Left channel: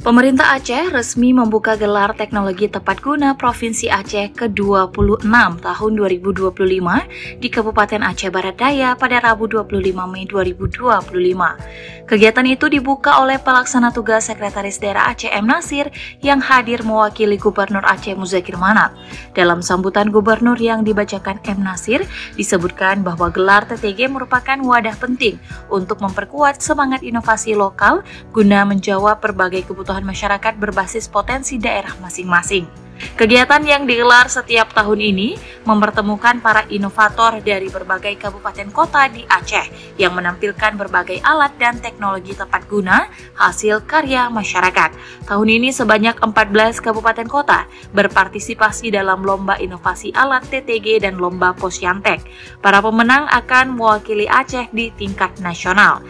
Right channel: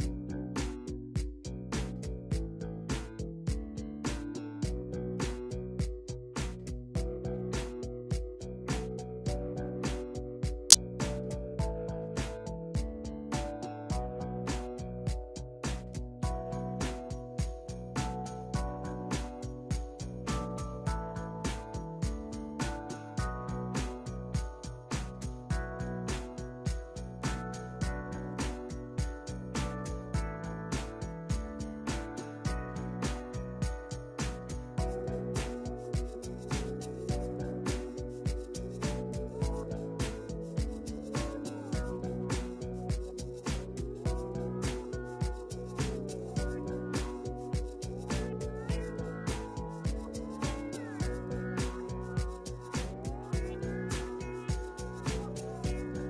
Pemerintah Aceh resmi membuka gelar teknologi tepat guna Provinsi Aceh ke-26 tahun 2025 di Kabupaten Aceh Barat Daya pada Rabu 25 Mei 2025. Kegiatan itu dibuka oleh Pelaksana Tugas Sekretaris Daerah Aceh M. Nasir yang hadir mewakili Gubernur Aceh Muzakir Manaf. Dalam sambutan Gubernur yang dibacakan M. Nasir, disebutkan bahwa gelar TTG merupakan wadah penting untuk memperkuat semangat inovasi lokal guna menjawab berbagai kebutuhan masyarakat berbasis potensi daerah masing-masing. Kegiatan yang digelar setiap tahun ini mempertemukan para inovator dari berbagai kabupaten kota di Aceh yang menampilkan berbagai alat dan teknologi tepat guna hasil karya masyarakat. Tahun ini sebanyak 14 kabupaten kota berpartisipasi dalam lomba inovasi alat TTG dan lomba Posyantek. Para pemenang akan mewakili Aceh di tingkat nasional.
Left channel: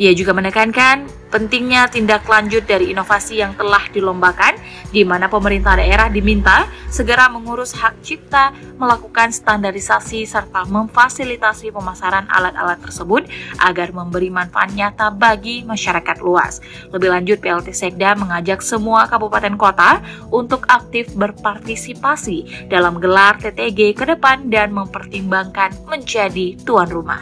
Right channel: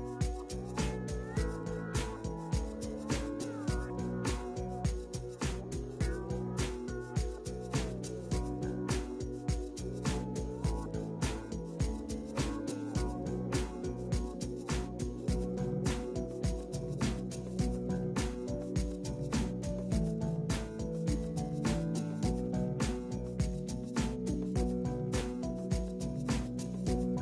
Ia juga menekankan pentingnya tindak lanjut dari inovasi yang telah dilombakan, di mana pemerintah daerah diminta segera mengurus hak cipta, melakukan standarisasi, serta memfasilitasi pemasaran alat-alat tersebut agar memberi manfaat nyata bagi masyarakat luas. Lebih lanjut, PLT Sekda mengajak semua kabupaten kota untuk aktif berpartisipasi dalam gelar TTG ke depan dan mempertimbangkan menjadi tuan rumah.